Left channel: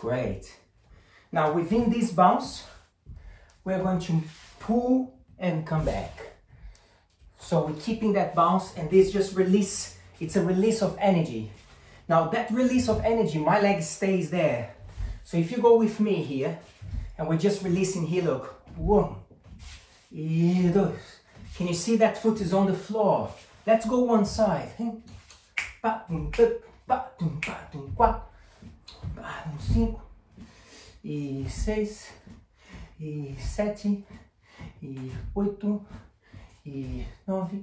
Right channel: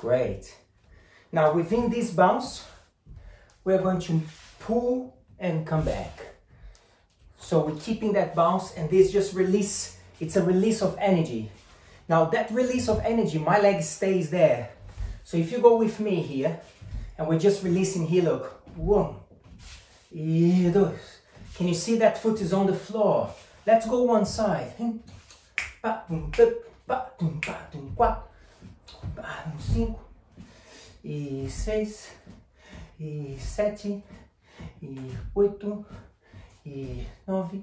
Great. Now within this bounce, we're going to pull and come back. So we're keeping that bounce, and this just release, it's a release of energy. Now that release of energy, my leg stays there. So if you go with me here, and we're just releasing here, look, 1, e 2. Can you see that foot is on the floor? Let's go one side. 4, e 5, e 6, e 7, e 8, e 9,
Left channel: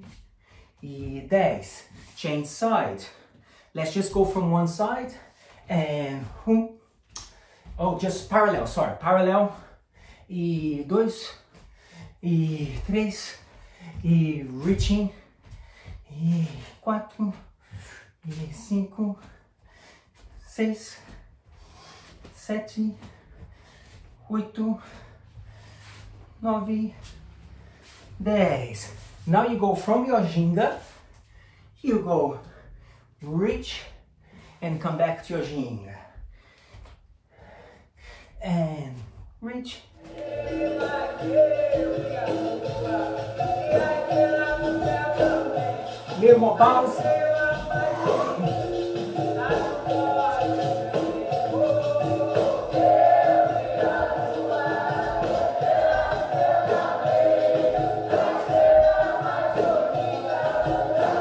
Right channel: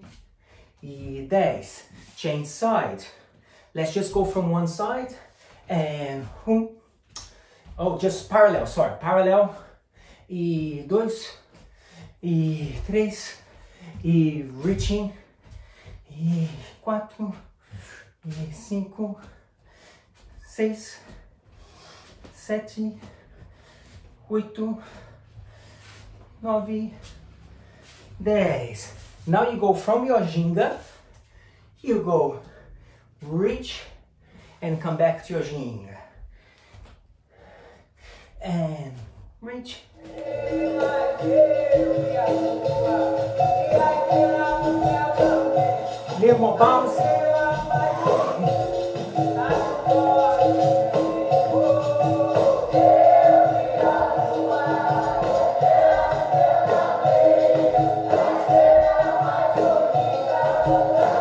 e 10. Change side. Let's just go from one side and oh, just parallel, sorry, parallel. E 2, e 3, e reaching, e 4, e 5, 6, 7, 8, 9, 10. Now you go from your ginga, you go reach and come back to your ginga. And reach. Little more bounce.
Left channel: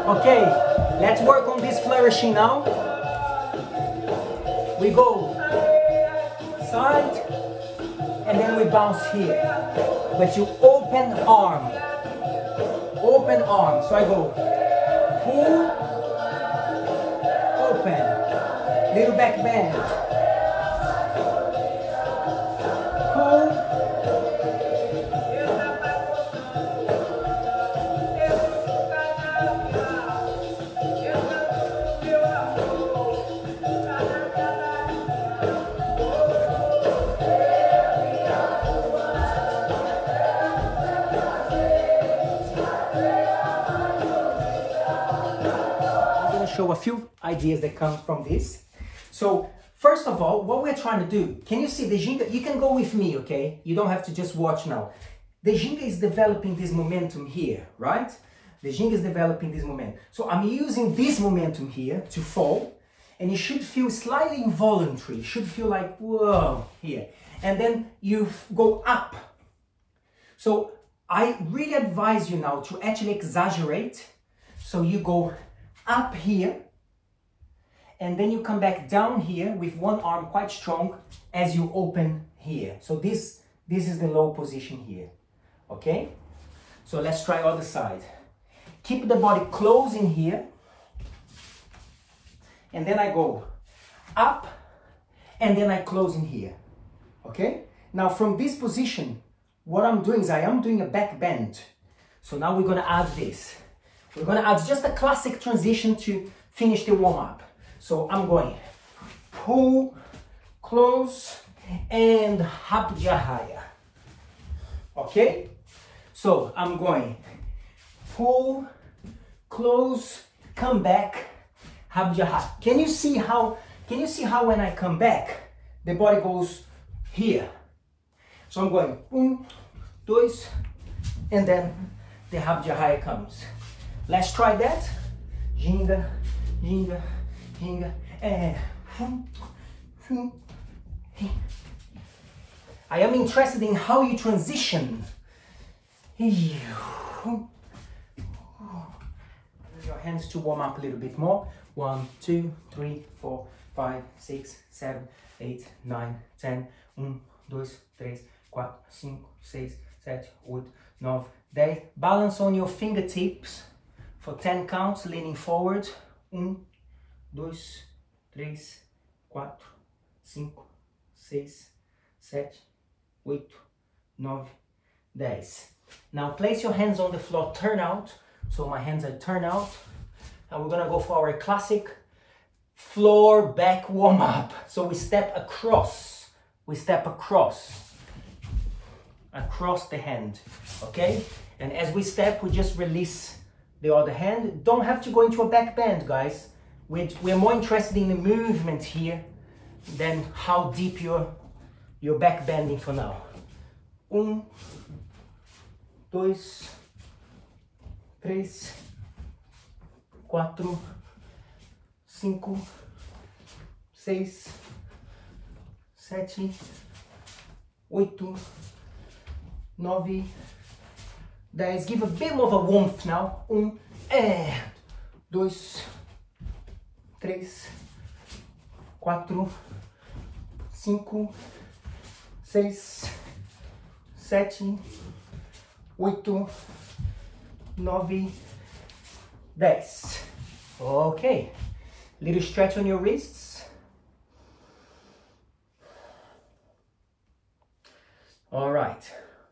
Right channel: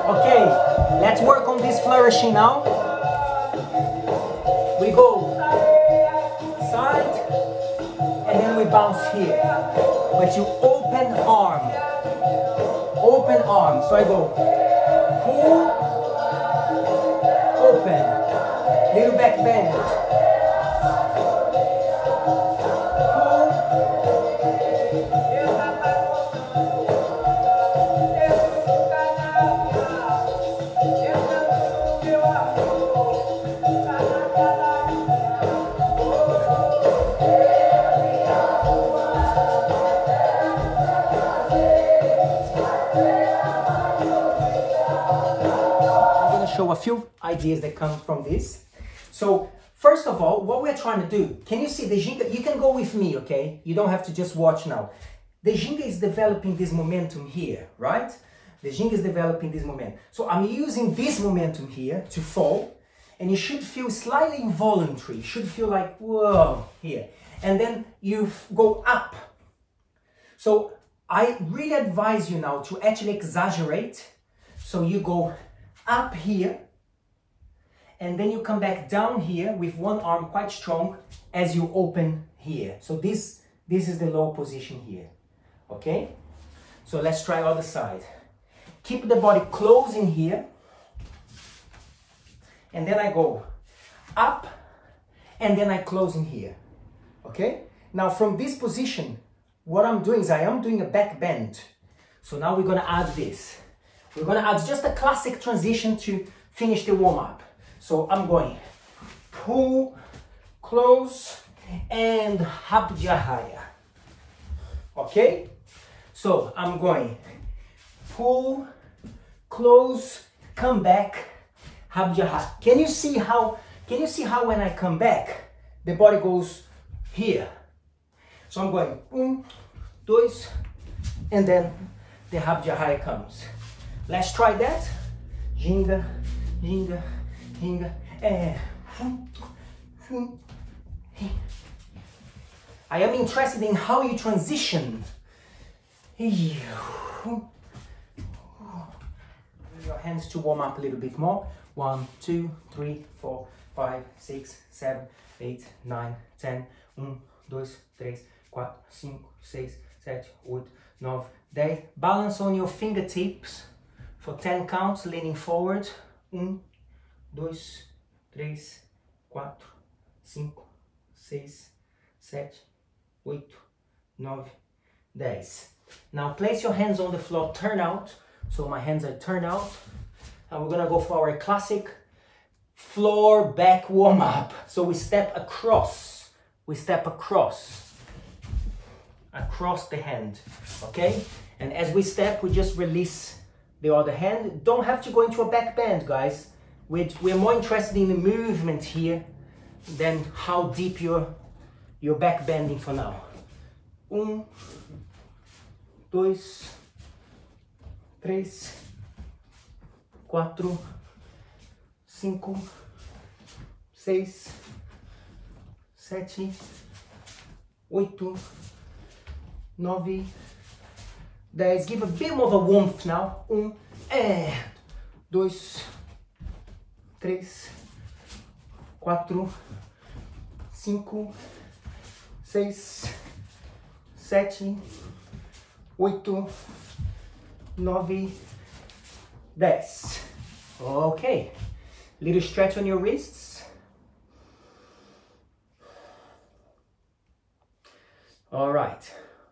Okay, let's work on this flourishing now. We go side and then we bounce here. But you open arm. Open arm. So I go pull, open, little back bend. Pull. Show a few ideas that come from this. So first of all, what we're trying to do, can you see the ginga? You can go with me, okay? You don't have to just watch now. The ginga is developing this momentum here, right? The ginga is developing this momentum. So I'm using this momentum here to fall, and you should feel slightly involuntary. You should feel like, whoa, here. And then you go up. So I really advise you now to actually exaggerate. So you go up here, and then you come back down here with one arm quite strong as you open here. So this is the low position here, okay? So let's try other side. Keep the body close in here, and then I go up, and then I close in here, okay? Now from this position, what I'm doing is I am doing a back bend. So now we're gonna add this. We're going to add just a classic transition to finish the warm-up. So I'm going pull, close, and habjahaya. Okay? So I'm going pull, close, come back, habjahaya. Can you see how when I come back, the body goes here? So I'm going 1, 2, and then the habjahaya comes. Let's try that. Ginga, ginga, ginga, and I am interested in how you transition. Use your hands to warm up a little bit more. 1, 2, 3, 4, 5, 6, 7, 8, 9, 10. 1, 2, 3, 4, 5, 6, 7, 8, 9, 10. Balance on your fingertips. For 10 counts, leaning forward. 1, 2, 3, 4, 5, 6, 7, 8, 9, 10. Now place your hands on the floor, turn out. So my hands are turned out. And we're gonna go for our classic floor back warm up. So we step across. We step across the hand, okay? And as we step, we just release the other hand. Don't have to go into a back bend, guys. We're more interested in the movement here then how deep you're back bending for now. 1, 2, 3, 4, 5, 6, 7, 8, 9, 10. Give a bit more of a warmth now. 1, 2, 3, 4, 5, 6, 7, 8, 9, 10. Okay. Little stretch on your wrists. All right.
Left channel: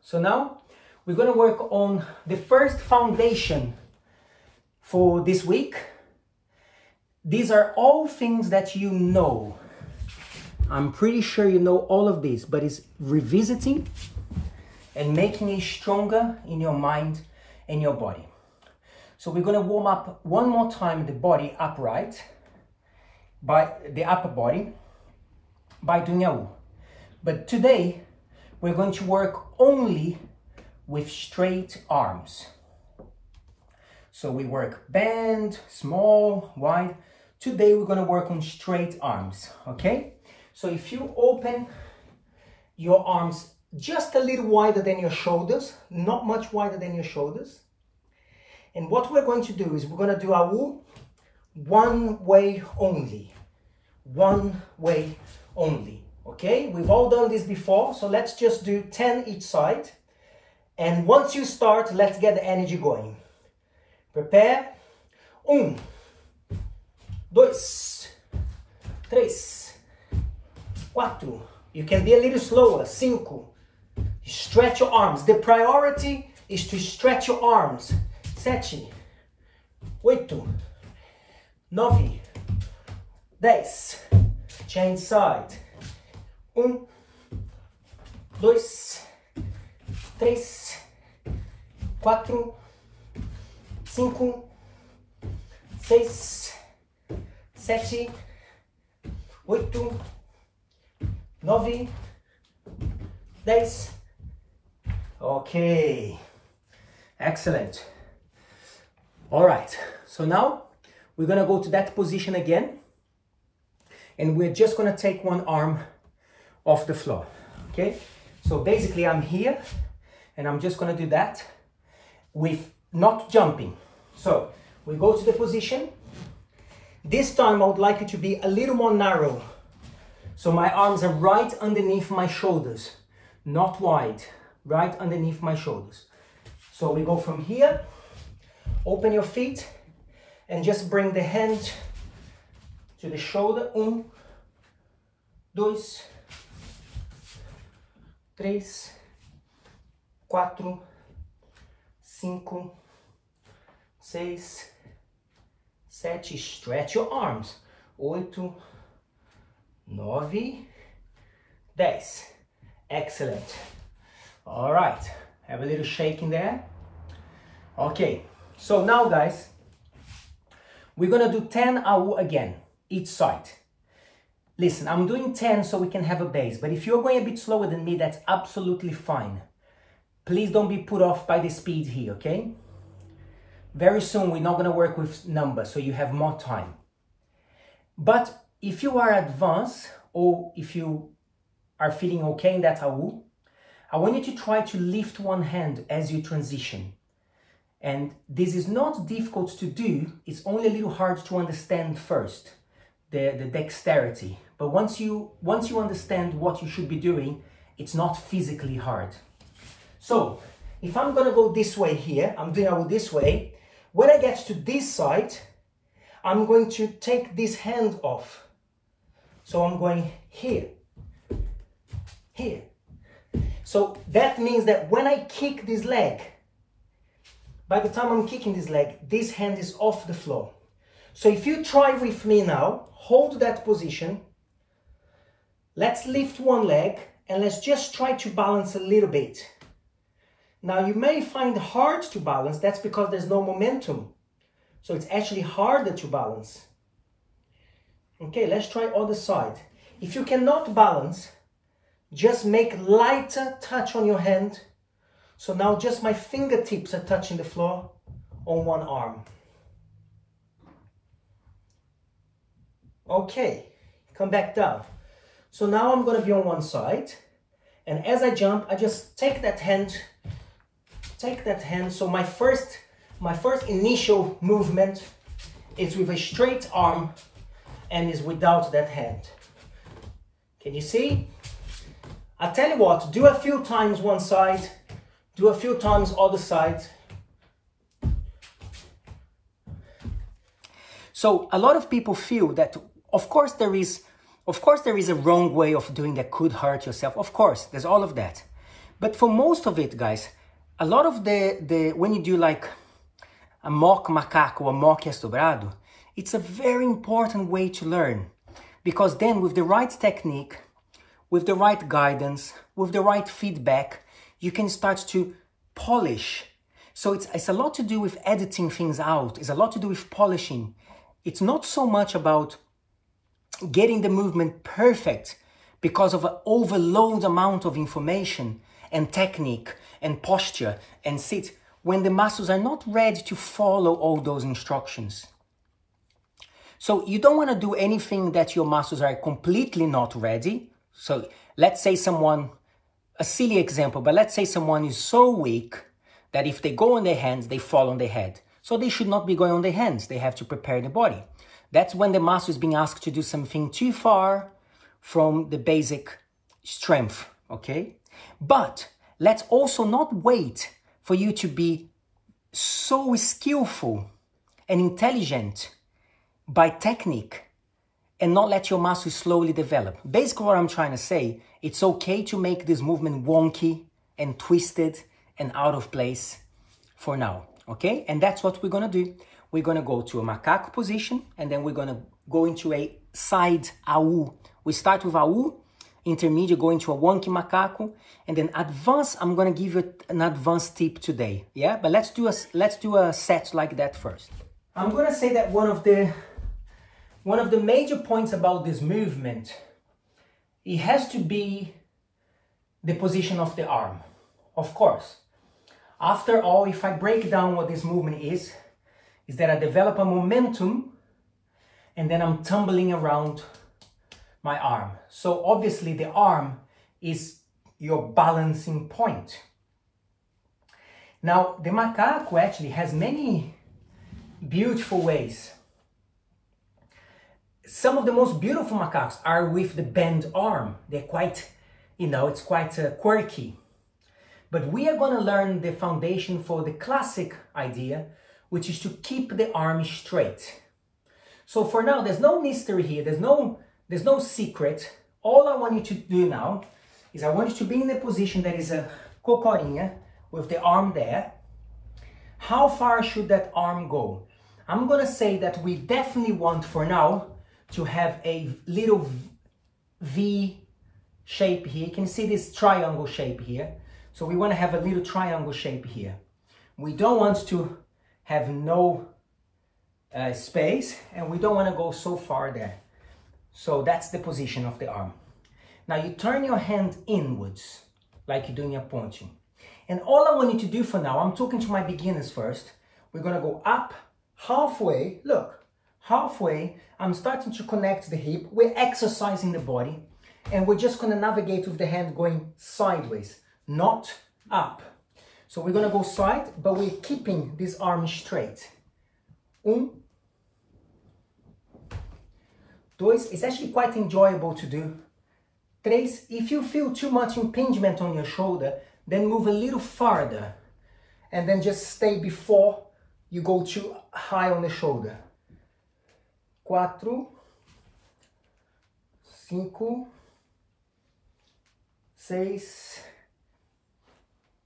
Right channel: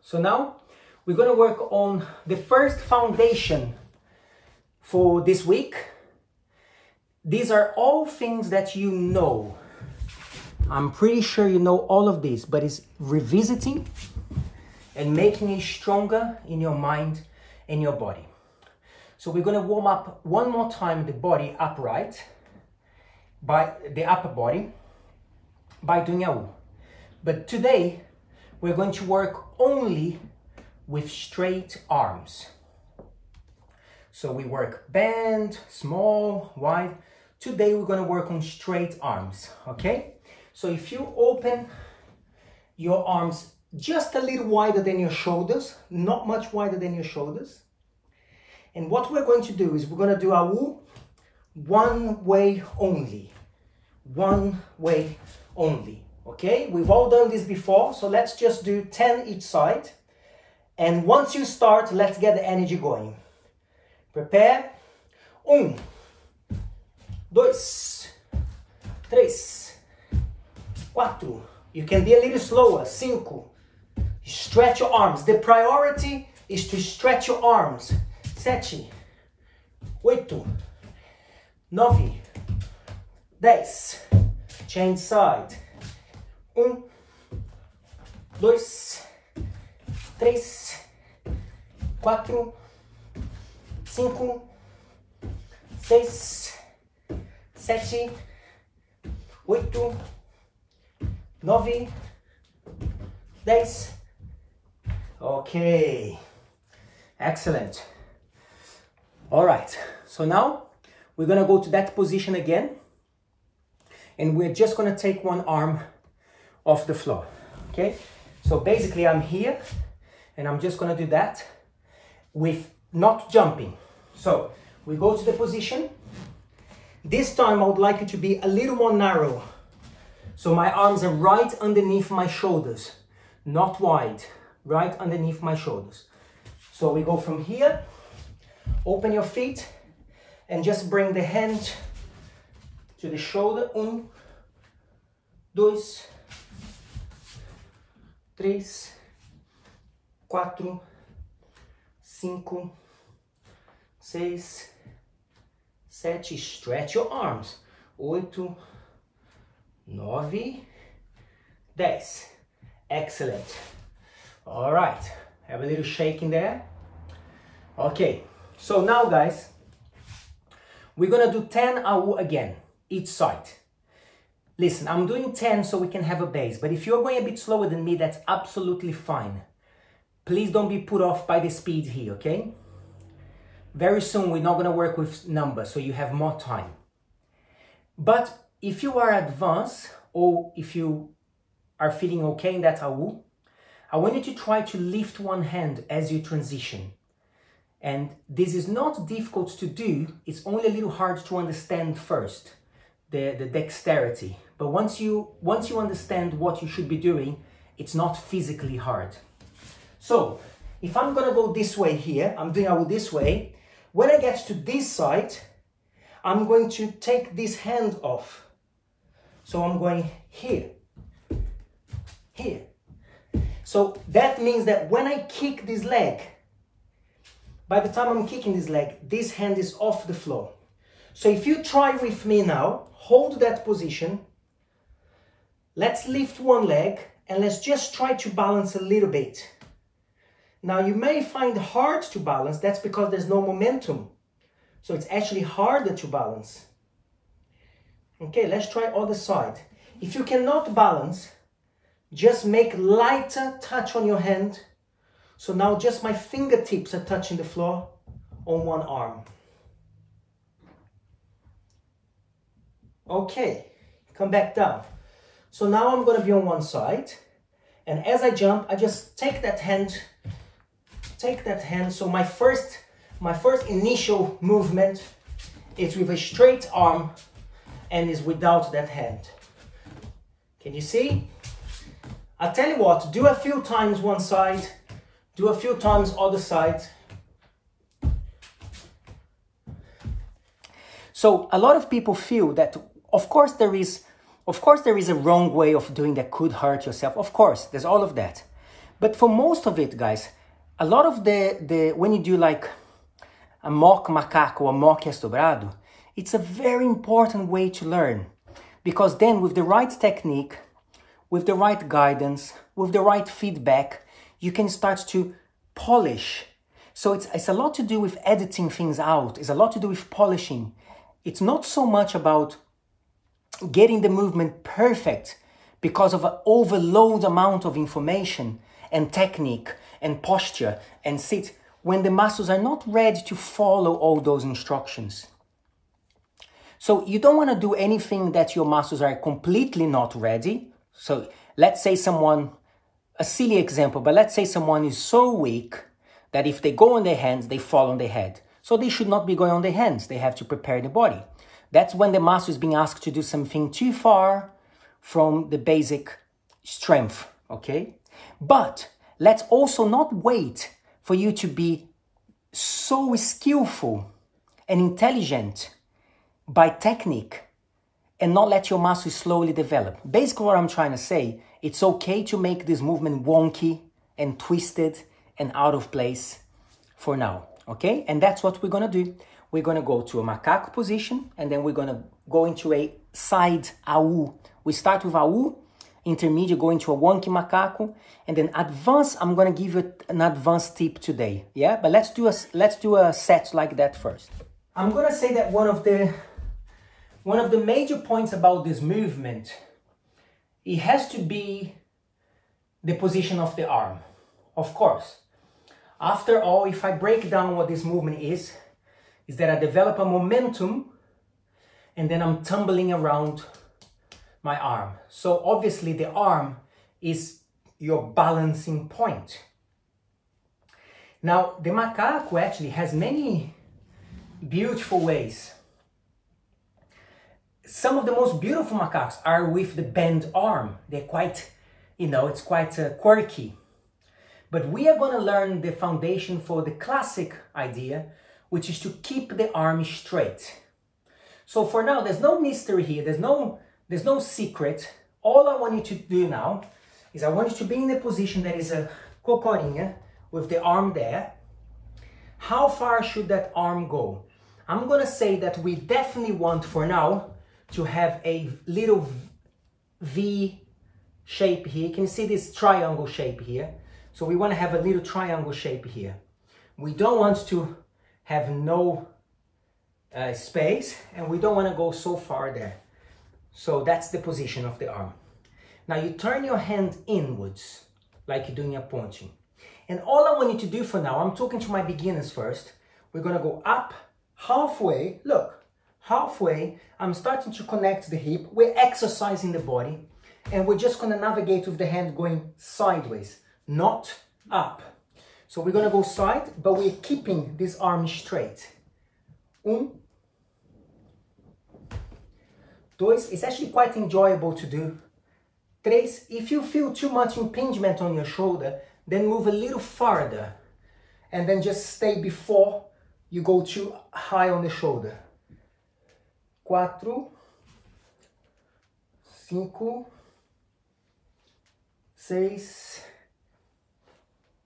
So now we're going to work on the first foundation for this week. These are all things that you know. I'm pretty sure you know all of this, but it's revisiting and making it stronger in your mind and your body. So we're going to warm up one more time the body upright, by the upper body, by doing a U. But today we're going to work only with straight arms. So we work bend, small, wide. Today we're going to work on straight arms, okay? So if you open your arms just a little wider than your shoulders, not much wider than your shoulders. And what we're going to do is we're going to do a U one way only. One way only, okay? We've all done this before, so let's just do 10 each side. And once you start, let's get the energy going. Prepare. 1, 2, 3, 4. You can be a little slower. 5. Stretch your arms. The priority is to stretch your arms. 7, 8, 9, 10. Change side. 1, 2, 3, 4, 5, 6, 7, 8, 9, 10. Okay, excellent. All right, so now we're gonna go to that position again, and we're just gonna take one arm off the floor, okay? So basically I'm here, and I'm just gonna do that with not jumping. So we go to the position. This time I would like it to be a little more narrow. So my arms are right underneath my shoulders, not wide, right underneath my shoulders. So we go from here, open your feet, and just bring the hand to the shoulder. 1, 2, 3, 4, 5, 6, 7. Stretch your arms. 8, 9, 10. Excellent. All right. Have a little shake in there. Okay. So now, guys, we're going to do 10 AU again, each side. Listen, I'm doing 10 so we can have a base, but if you're going a bit slower than me, that's absolutely fine. Please don't be put off by the speed here, okay? Very soon we're not going to work with numbers, so you have more time. But if you are advanced, or if you are feeling okay in that AU, I want you to try to lift one hand as you transition. And this is not difficult to do, it's only a little hard to understand first, the dexterity. But once you understand what you should be doing, it's not physically hard. So, if I'm gonna go this way here, I'm doing AU this way. When I get to this side, I'm going to take this hand off. So I'm going here, here. So that means that when I kick this leg, by the time I'm kicking this leg, this hand is off the floor. So if you try with me now, hold that position. Let's lift one leg and let's just try to balance a little bit. Now you may find it hard to balance, that's because there's no momentum. So it's actually harder to balance. Okay, let's try other side. If you cannot balance, just make lighter touch on your hand. So now just my fingertips are touching the floor on one arm. Okay, come back down. So now I'm going to be on one side. And as I jump, I just take that hand. So my first initial movement is with a straight arm and is without that hand. Can you see? I tell you what, do a few times one side, do a few times other side. So a lot of people feel that, of course there is a wrong way of doing that could hurt yourself. Of course, there's all of that. But for most of it, guys, a lot of when you do like a mock macaco or mock estobrado, it's a very important way to learn. Because then with the right technique, with the right guidance, with the right feedback, you can start to polish. So it's a lot to do with editing things out. It's a lot to do with polishing. It's not so much about getting the movement perfect because of an overload amount of information and technique and posture and sit when the muscles are not ready to follow all those instructions. So you don't want to do anything that your muscles are completely not ready. So let's say someone, a silly example, but let's say someone is so weak that if they go on their hands, they fall on their head. So they should not be going on their hands. They have to prepare the body. That's when the muscle is being asked to do something too far from the basic strength, okay? But let's also not wait for you to be so skillful and intelligent by technique and not let your muscles slowly develop. Basically what I'm trying to say, it's okay to make this movement wonky and twisted and out of place for now, okay? And that's what we're gonna do. We're gonna go to a macaco position and then we're gonna go into a side AU. We start with AU, intermediate, go into a wonky macaco, and then advanced, I'm gonna give you an advanced tip today, yeah? But let's do a set like that first. I'm gonna say that one of the major points about this movement, it has to be the position of the arm, of course. After all, if I break down what this movement is that I develop a momentum and then I'm tumbling around my arm. So obviously the arm is your balancing point. Now, the macaco actually has many beautiful ways. Some of the most beautiful macacos are with the bent arm. They're quite, it's quite quirky. But we are going to learn the foundation for the classic idea, which is to keep the arm straight. So for now, there's no mystery here. There's no secret. All I want you to do now is I want you to be in a position that is a cocorinha with the arm there. How far should that arm go? I'm going to say that we definitely want for now to have a little V shape here. You can see this triangle shape here. So we want to have a little triangle shape here. We don't want to have no space, and we don't want to go so far there. So that's the position of the arm. Now you turn your hand inwards, like you're doing a punching. And all I want you to do for now, I'm talking to my beginners first. We're going to go up halfway. Look, halfway. I'm starting to connect the hip. We're exercising the body. And we're just going to navigate with the hand going sideways, not up. So we're going to go side, but we're keeping this arm straight. Dois. It's actually quite enjoyable to do. Três. If you feel too much impingement on your shoulder, then move a little farther. And then just stay before you go too high on the shoulder. Quatro. Cinco. Seis.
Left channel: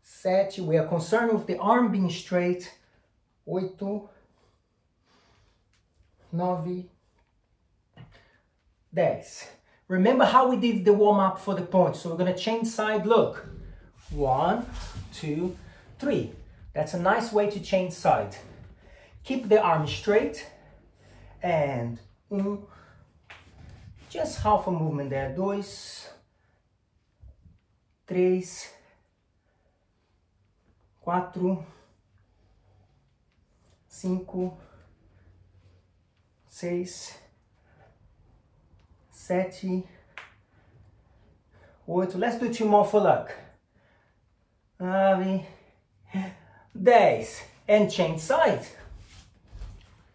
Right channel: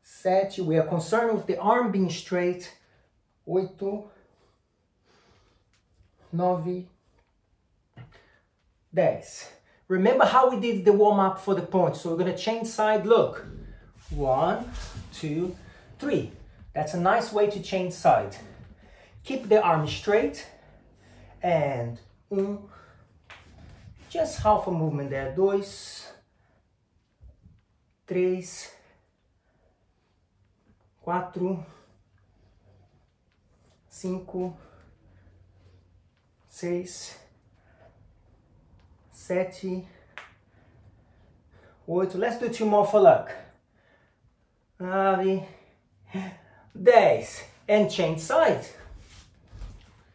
Sete. We are concerned with the arm being straight. Oito. Nove. 10. Remember how we did the warm-up for the punch. So we're going to change side. Look. 1, 2, 3. That's a nice way to change side. Keep the arm straight. And 1, Just half a movement there. 2, 3, 4, 5, 6, 7, 8. Let's do 2 more for luck. 9, 10. And change side.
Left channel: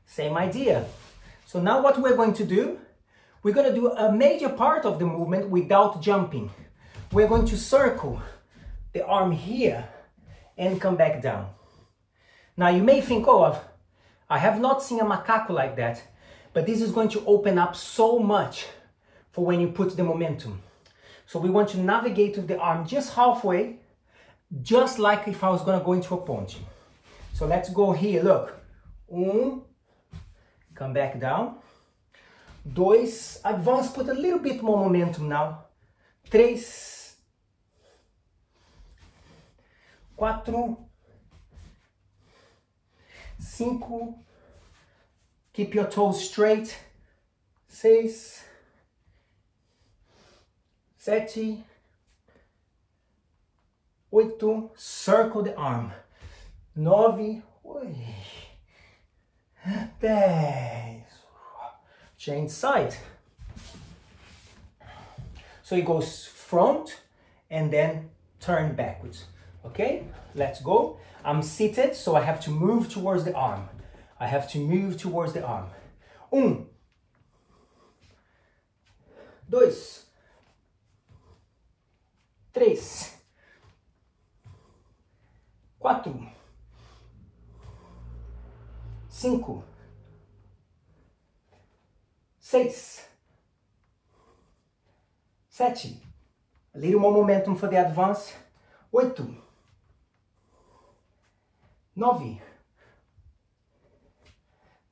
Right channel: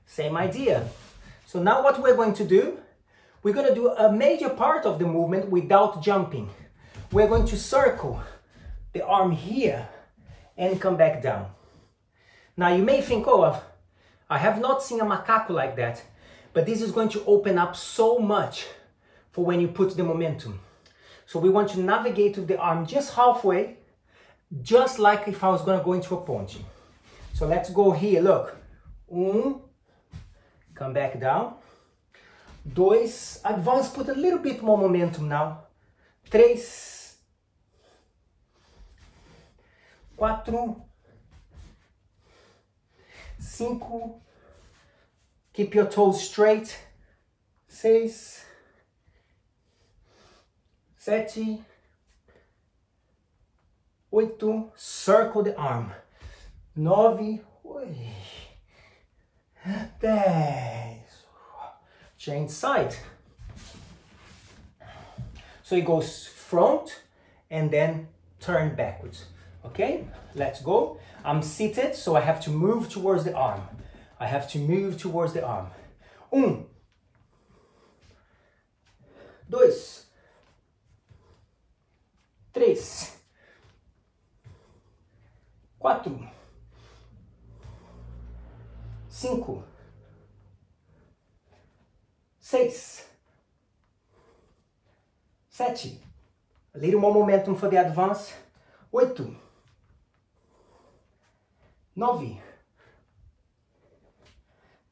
Same idea. So now what we're going to do, we're going to do a major part of the movement without jumping. We're going to circle the arm here and come back down. Now you may think, oh, I have not seen a macaco like that, but this is going to open up so much for when you put the momentum. So we want to navigate with the arm just halfway, just like if I was going to go into a ponte. So let's go here, look. 1, come back down. 2, advance, put a little bit more momentum now. 3, 4, 5, keep your toes straight. 6, 7, 8, circle the arm. 9, 10, change side. So it goes front and then turn backwards. Okay, let's go. I'm seated, so I have to move towards the arm. I have to move towards the arm. 1, 2, 3, 4, 5, 6, 7, a little more momentum for the advance. 8, 9,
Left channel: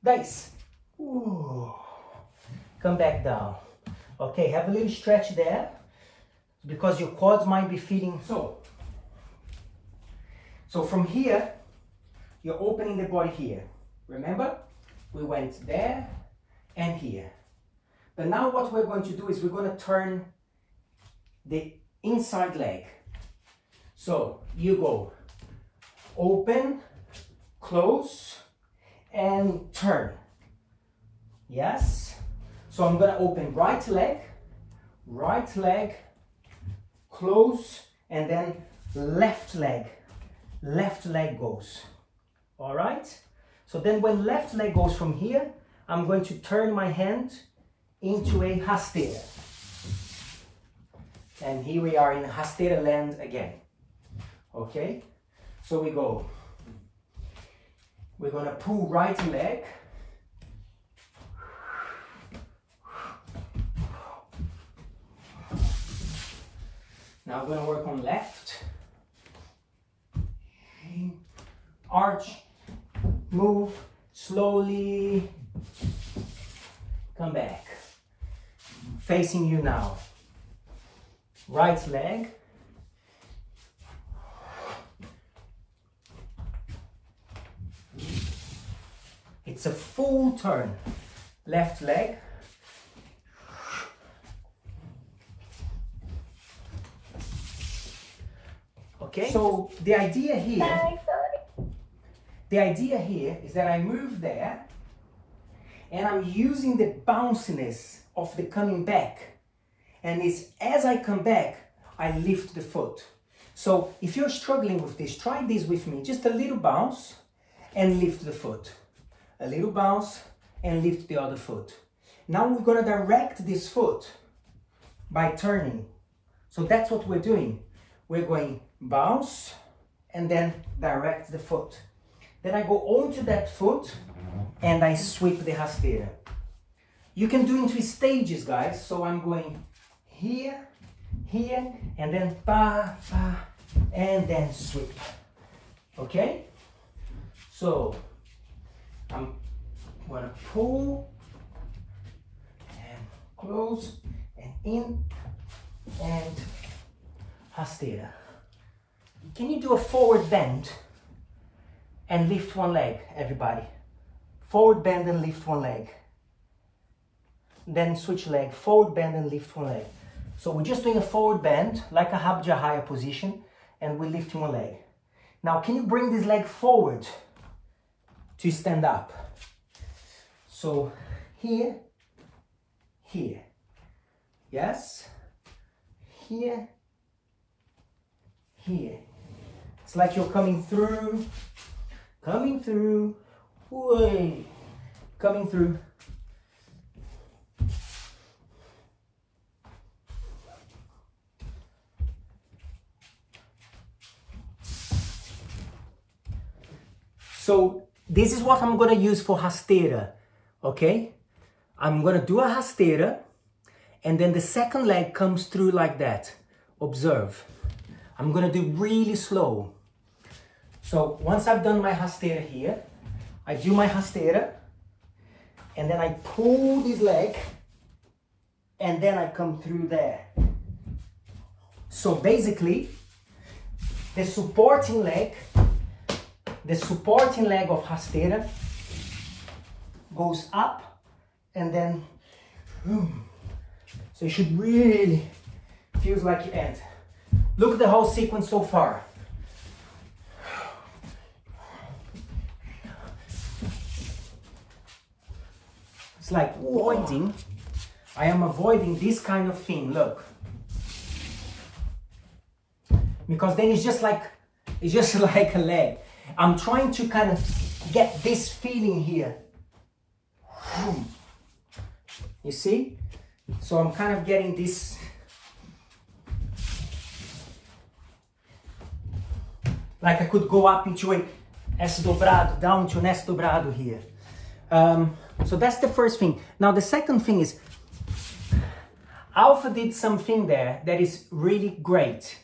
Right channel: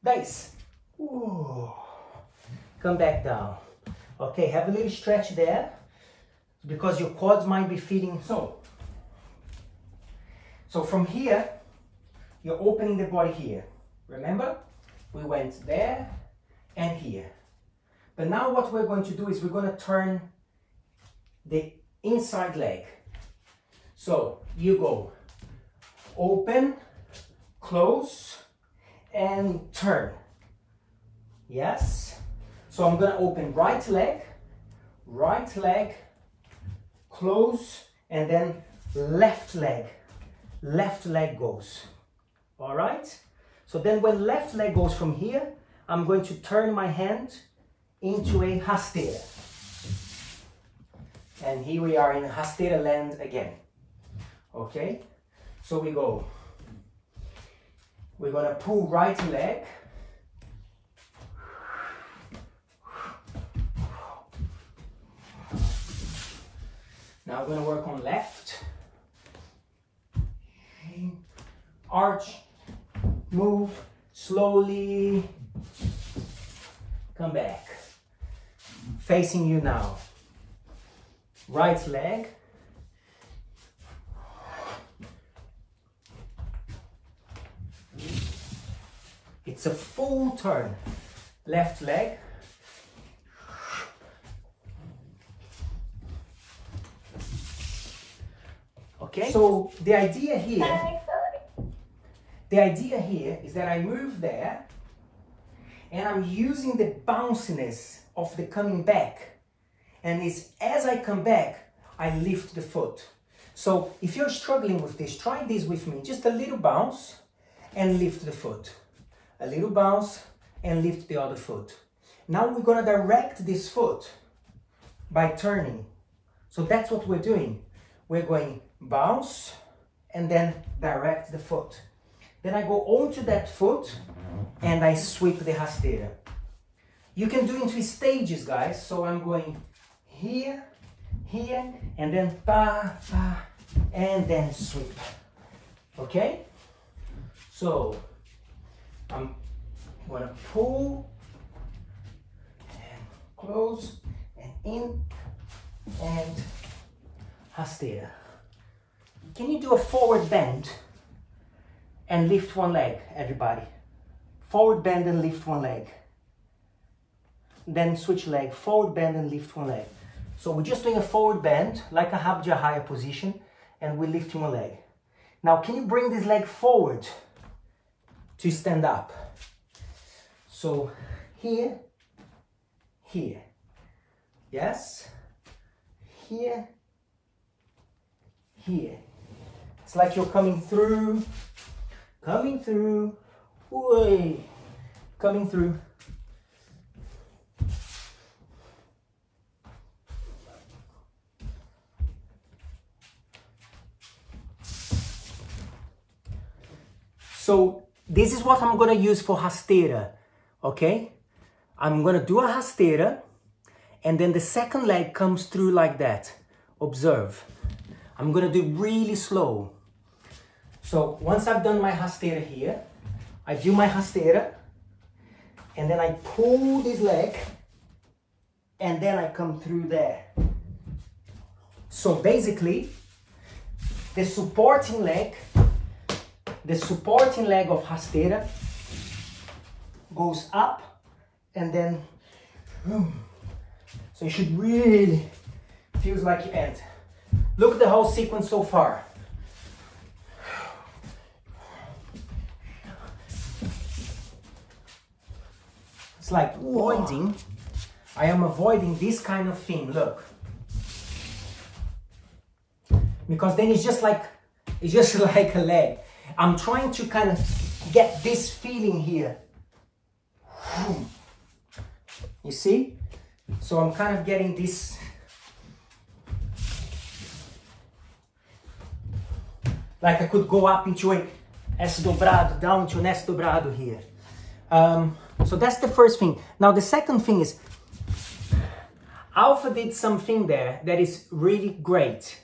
10. Come back down. Okay, have a little stretch there because your quads might be feeling. So from here, you're opening the body here. Remember, we went there and here. But now what we're going to do is we're going to turn the inside leg. So you go open, close, and turn. Yes. So I'm going to open right leg, close, and then left leg goes. All right. So then when left leg goes from here, I'm going to turn my hand into a rasteira. And here we are in rasteira land again. Okay, so we go. We're gonna pull right leg. Now we're gonna work on left. Arch, move, slowly, come back. Facing you now. Right leg. It's a full turn. Left leg. Okay, so the idea here is that I move there and I'm using the bounciness of the coming back. And it's as I come back, I lift the foot. So if you're struggling with this, try this with me. Just a little bounce and lift the foot. A little bounce and lift the other foot. Now we're going to direct this foot by turning. So that's what we're doing. We're going bounce and then direct the foot. Then I go onto that foot and I sweep the rasteira. You can do into stages, guys. So I'm going here, here, and then pa, pa, and then sweep. Okay? So I'm gonna pull and close and in and rasteira. Can you do a forward bend and lift one leg, everybody? Forward bend and lift one leg. then switch leg, forward bend and lift one leg. So we're just doing a forward bend, like a Habjahaya position, and we're lifting one leg. Now, can you bring this leg forward to stand up? So here, here, yes, here, here. It's like you're coming through, way, coming through. So this is what I'm going to use for rasteira, okay? I'm going to do a rasteira, and then the second leg comes through like that. Observe. I'm going to do really slow. So once I've done my rasteira here, I do my rasteira, and then I pull this leg, and then I come through there. So basically, the supporting leg of rasteira goes up and then, so you should really, feels like you end. Look at the whole sequence so far. It's like avoiding, I am avoiding this kind of thing, look. Because then it's just like a leg. I'm trying to kind of get this feeling here. You see? So I'm kind of getting this. Like I could go up into a S dobrado, down to an S dobrado here. So that's the first thing. Now the second thing is, Alpha did something there that is really great.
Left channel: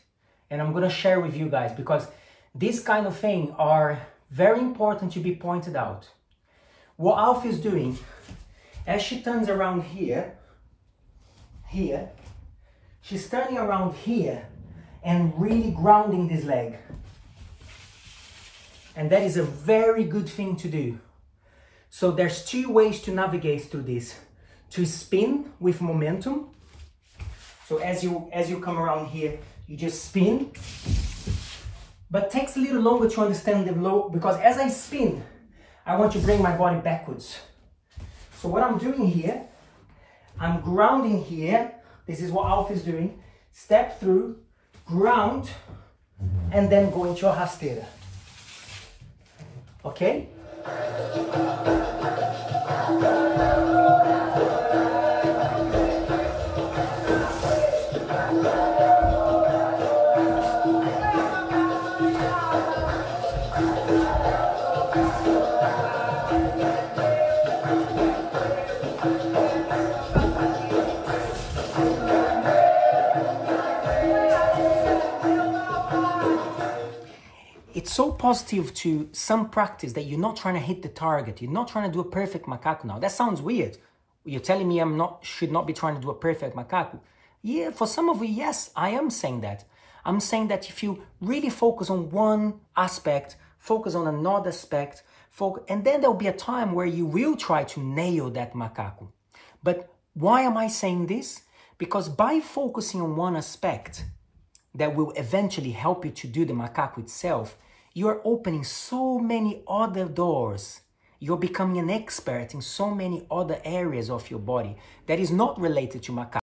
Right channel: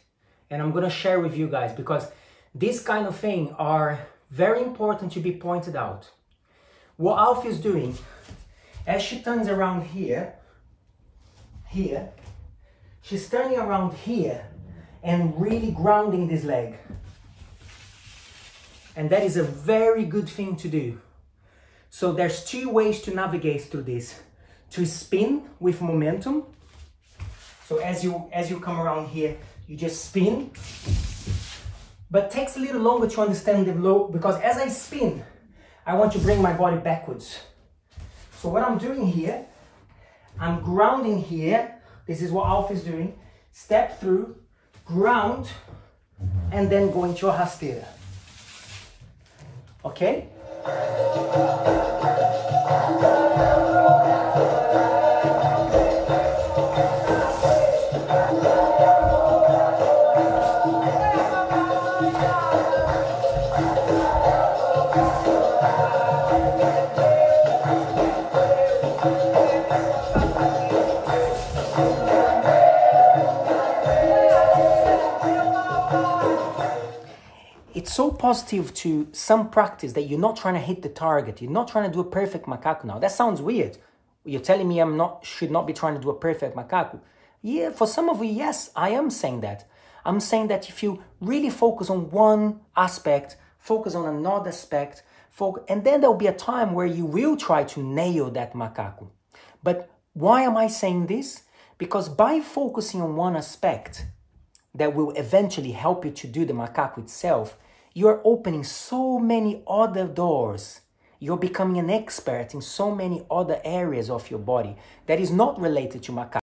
And I'm going to share with you guys, because this kind of thing are very important to be pointed out. What Alpha is doing, as she turns around here, she's turning around here and really grounding this leg. And that is a very good thing to do. So there's two ways to navigate through this. To spin with momentum. So as you come around here, you just spin. But it takes a little longer to understand the flow, because as I spin, I want to bring my body backwards. So what I'm doing here, I'm grounding here. This is what Alpha is doing. Step through, ground, and then go into a rasteira. Okay? It's so positive to some practice that you're not trying to hit the target. You're not trying to do a perfect macaco now. That sounds weird. You're telling me should not be trying to do a perfect macaco. Yeah, for some of you, yes, I am saying that. I'm saying that if you really focus on one aspect, focus on another aspect, and then there'll be a time where you will try to nail that macaco. But why am I saying this? Because by focusing on one aspect that will eventually help you to do the macaco itself, you're opening so many other doors. You're becoming an expert in so many other areas of your body that is not related to macaco.